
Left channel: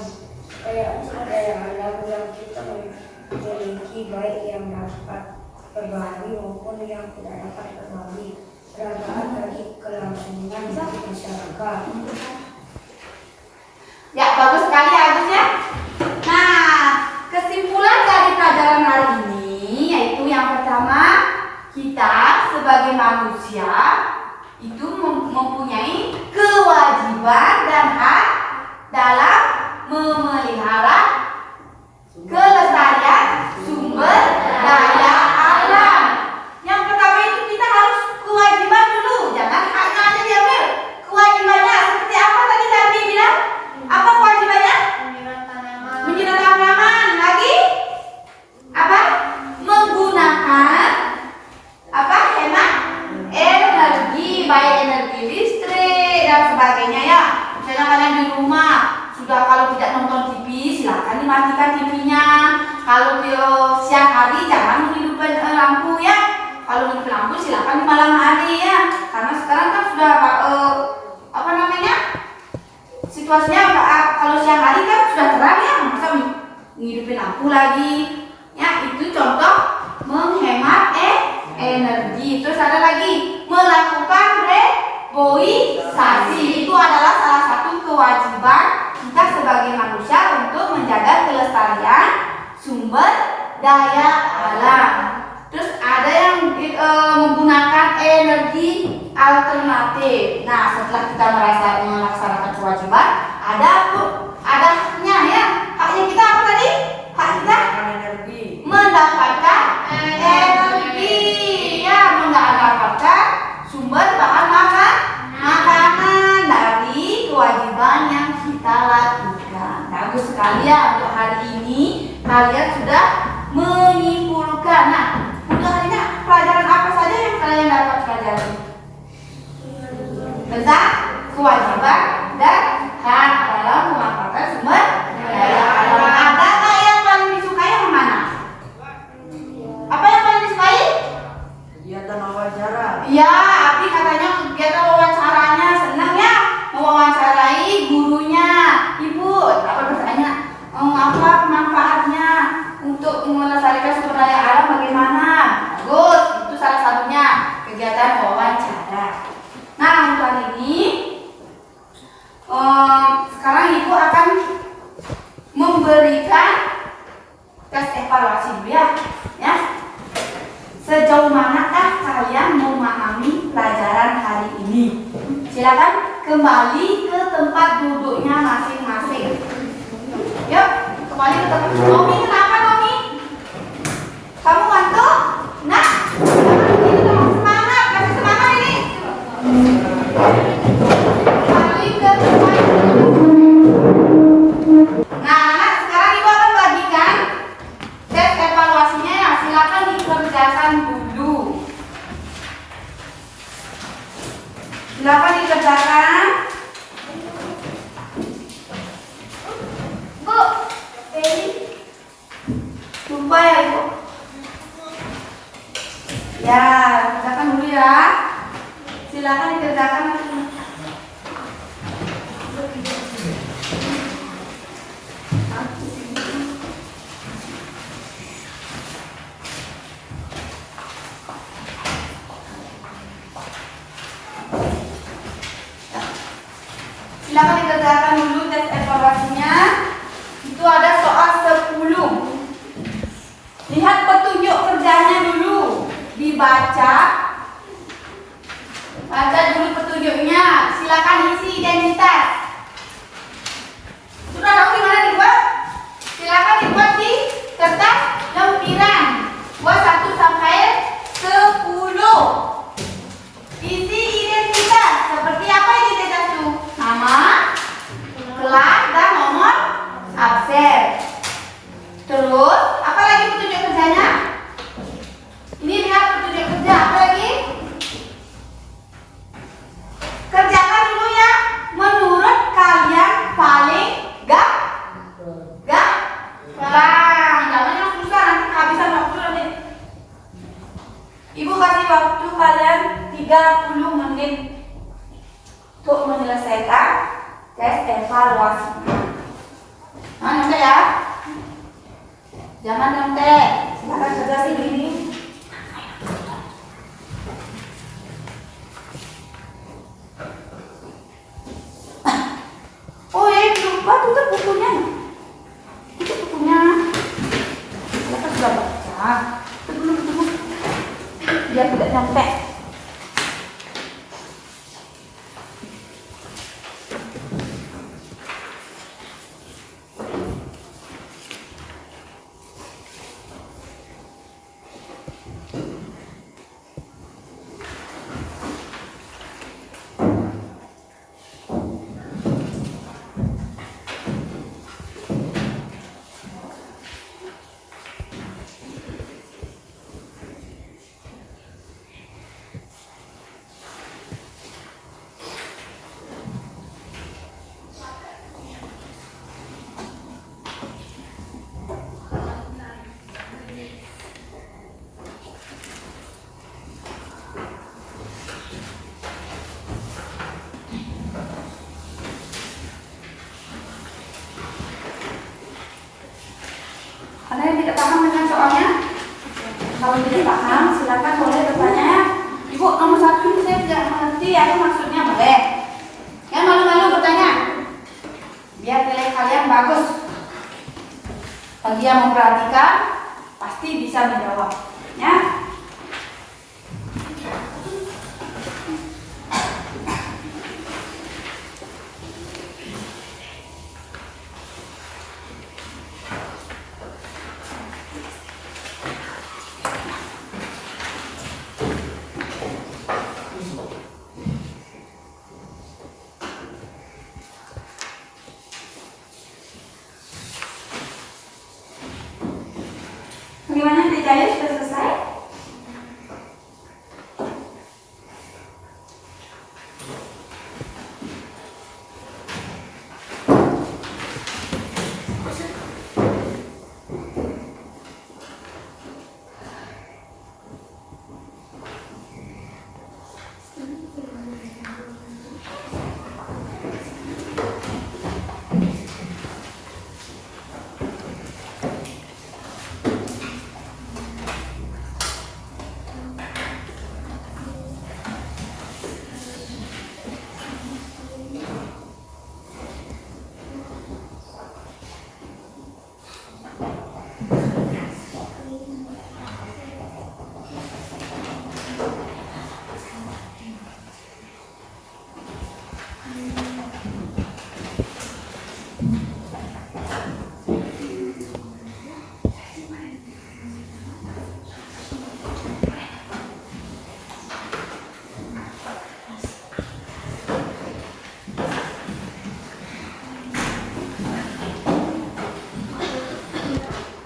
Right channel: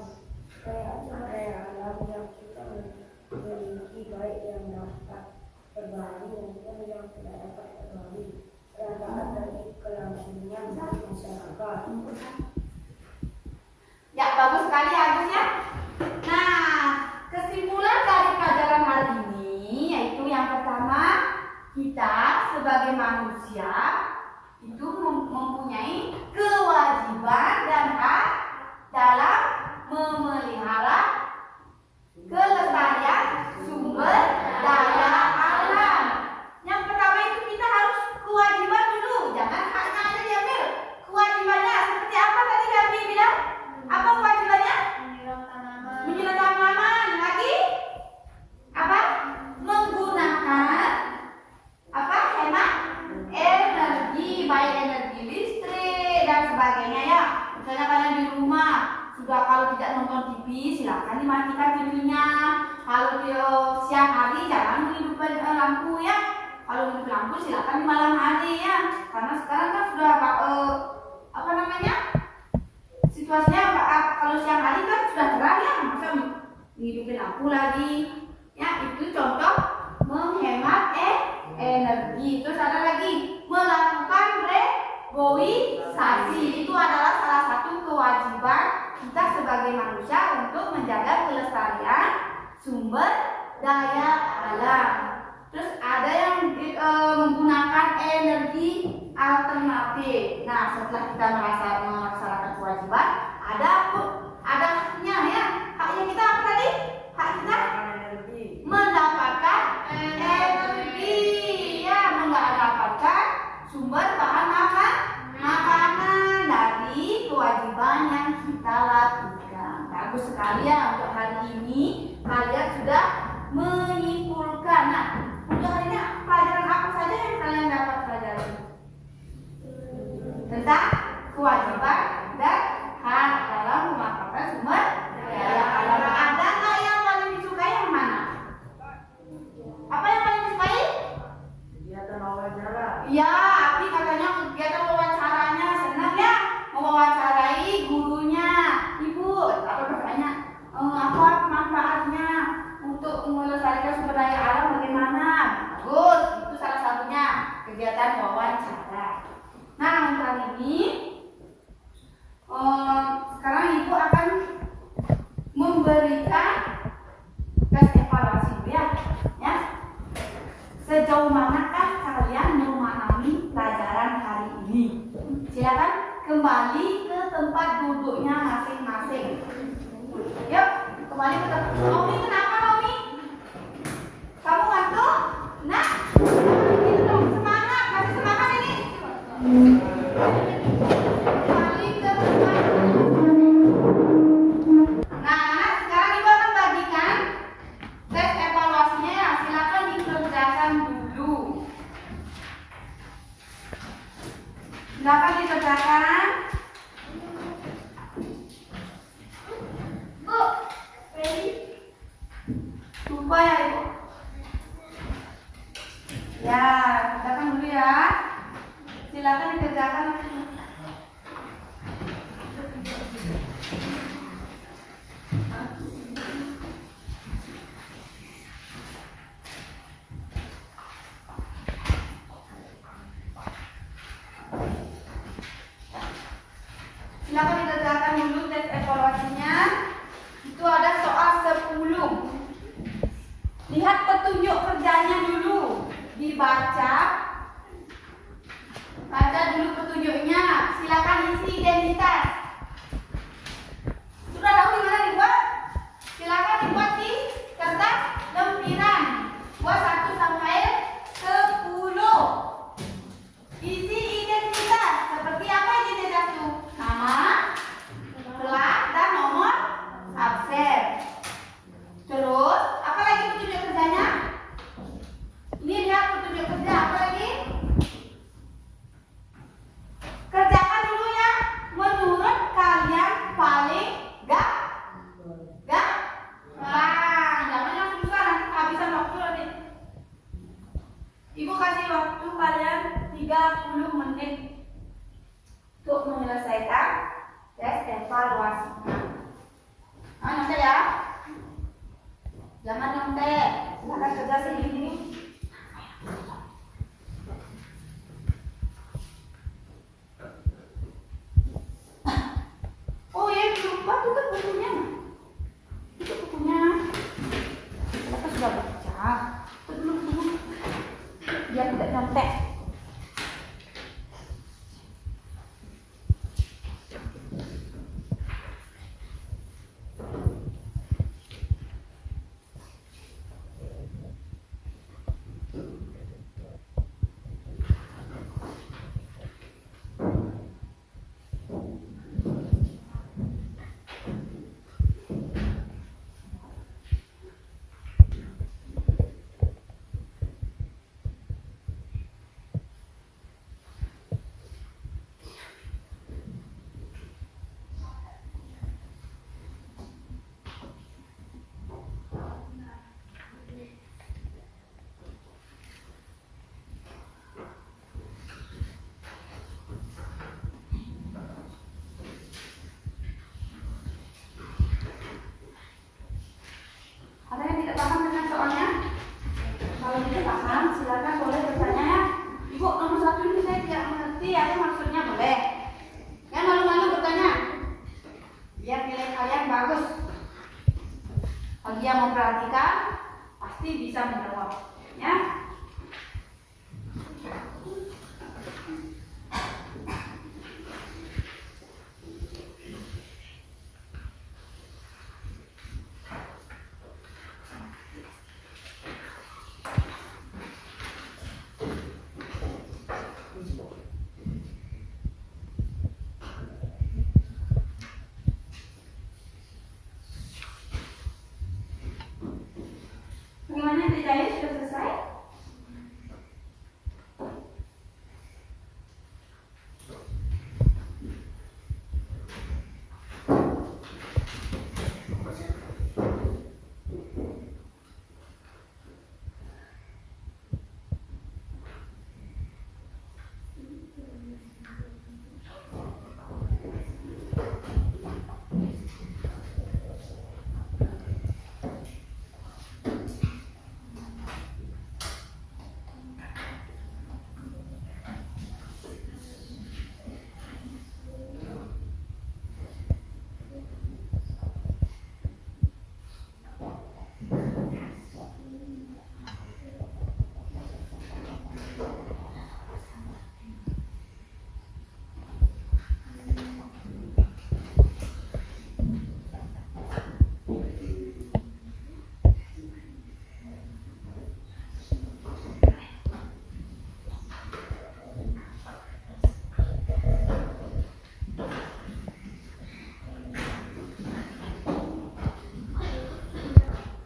Kekayaan sumber daya alam yang kita miliki baik yang dapat terbaharui maupun yang tidak dapat terbaharui bermanfaat bagi kelangsungan hidup masyarakat. Ya, bagus sekali Agus ya. Nah, kesimpulan dari pelajaran hari ini yaitu yang pertama, kita sebagai manusia itu mempunyai kewajiban dan hak dalam memelihara kelestarian sumber daya alam. Yang pertama itu kita harus kewajiban dulu, jangan haknya aja diambil. Kewajibannya seperti apa tadi Sardi bilang? Apa kewajibannya? Menyiram tanaman. Lagi? Apa? Menggunakan apa? Hemat energi, baik energi listrik dan sebagainya ya. Misalnya kalian di rumah sudah kalau tidak nonton TV, silakan dimatikan TV-nya. Kalau siang hari jangan menghidupkan lampu ya. Kalau menghidupkan lampu silakan di malam hari ya. Karena sekarang kan sudah apa namanya? Situasinya kalau siang hari kan sudah terang ya, masa menghidupin lampu lagi. Ya, itu contoh menghemat energi. Terus ada lagi melakukan reboisasi. Itu adalah salah satu kewajiban kita sebagai manusia untuk menjaga kelestarian sumber daya alam. Terus ada yang menggunakan energi alternatif. Nah, setelah kita melaksanakan kewajiban, ada haknya ya. Haknya kita apa tadi? Hak kita mendapatkan energi ya, mendapatkan sumber bahan makanan dari kewajiban yang kita lakukan. Bagus sekali ya, untuk hari ini kalian sudah menyimpulkan. Nah, untuk hari ini pelajaran apa saja yang kalian dapat pelajari? Tentang Sejauh manakah kalian memahami pelajaran hari ini? Silakan kembali ke tempat duduknya masing-masing. Yuk, kembali ke tempat. Nomi, kenapa Nomi? Kamu ngantuk? Nah, ini dong, semangat, kasih semangat ini. Kembali ke tempat. Nah, anak, sekarang ibu akan bagikan tes evaluasinya ya. Silakan dikerjakan dulu. Silakan dikerjakan. Bu, lupa ya ibu. Ya, kerjakan dulu ya. Silakan dikerjakan. Silakan dikerjakan dulu tes evaluasinya. Itu ada soal 10. Lihat petunjuk kerjanya dulu. Dibaca. Baca dulu petunjuknya. Silakan isi identitas. Sudah tahu gimana dibuat? Silakan dibuat di kertas lempiran. Buat 1 sampai 10. Isi identitas. Seperti apa identitas itu? Nama, kelas, dan nomor absen. Terus, apa lagi petunjuk kerjanya? Ini lihat petunjuk kerja. Apa lagi? Kerjakan dulu ya. Menurut kalian paling gampang. Jangan yang susah, nanti kehabisan waktu nanti. Ibu kasih waktu kalian 30 menit untuk menyelesaikan tes evaluasi. Nah, nyontek ya. Jangan nyontek. Silakan kerja sendiri. Oh ya, lupa tutup bukunya. Tutup bukunya. Silakan sudah baca. Tutup. Biar tidak nyontek. Ada yang tidak paham dengan soalnya? Kalau tidak paham, silakan boleh bertanya. Ibu, nomor 1 ini saya tidak mengerti apa maksudnya, boleh. Yang malu-malu bertanya, biar nilai kalian bagus. Bagi yang memperhatikan, pasti bisa menjawab. Ya. Bagaimana Teh Jaya, sudah selesai?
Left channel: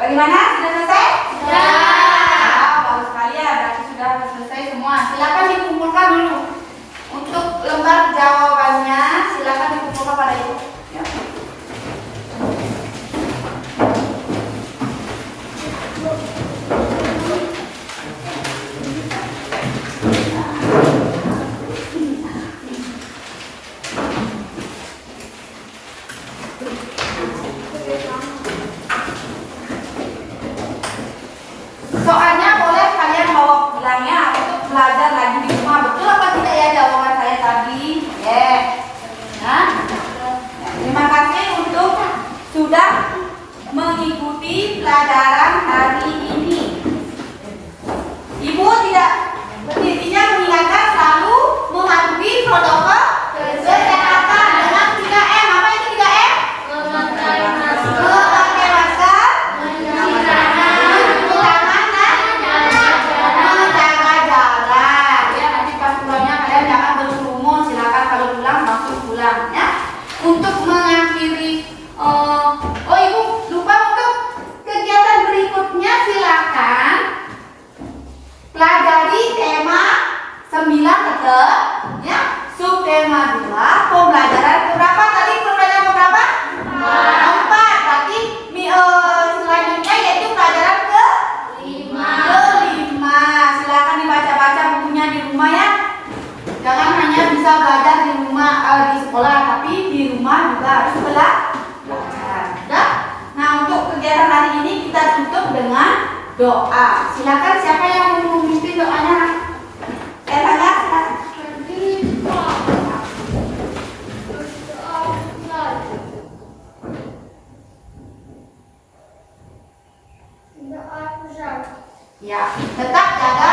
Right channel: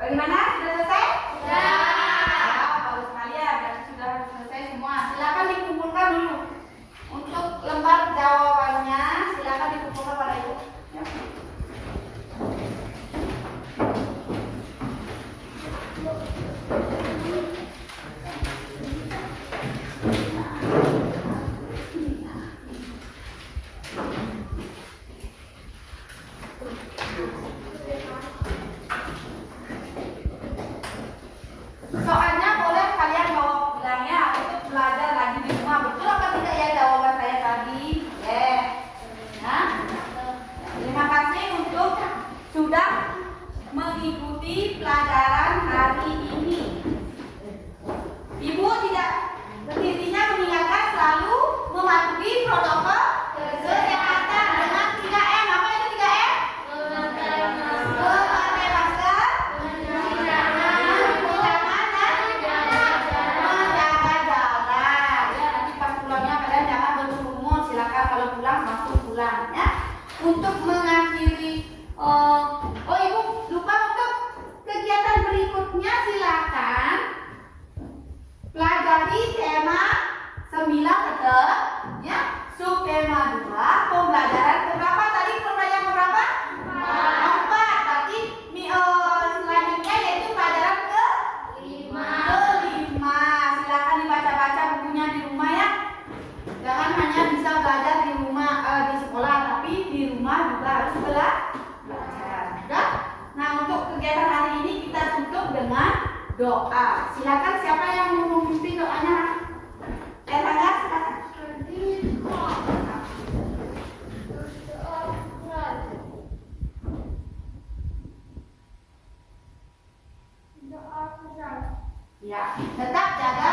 Bagaimana? Sudah selesai? Sudah. Bagus sekali ya, berarti sudah selesai semua. Silakan dikumpulkan dulu. Untuk lembar jawabannya, silakan dikumpulkan pada ibu. Ya. Soalnya boleh kalian bawa pulang ya untuk belajar lagi di rumah. Betul apa tidak ya jawaban saya tadi? Ya. Terima kasih untuk sudah mengikuti pelajaran hari ini. Ibu tidak intinya mengingatkan selalu mematuhi protokol kesehatan dengan 3M. Apa itu 3M? Memakai masker, mencuci tangan, menjaga jarak. Ya, nanti pas pulangnya kalian jangan berkerumun. Silakan kalau pulang langsung pulang ya. Untuk mengakhiri, ibu lupa untuk kegiatan berikutnya silakan pelajari tema 9 tetap ya. Subtema 2 pembelajaran keberapa tadi? Pembelajaran keberapa? 4. Berarti selanjutnya yaitu pelajaran ke-5. Silakan dibaca-baca bukunya di rumah ya. Jangan hanya bisa belajar di rumah di sekolah, tapi di rumah juga harus belajar. Ya? Nah, untuk kegiatan hari ini kita tutup dengan doa. Silakan siapa yang mau memimpin doanya? Elana, silakan. Ya, tetap jaga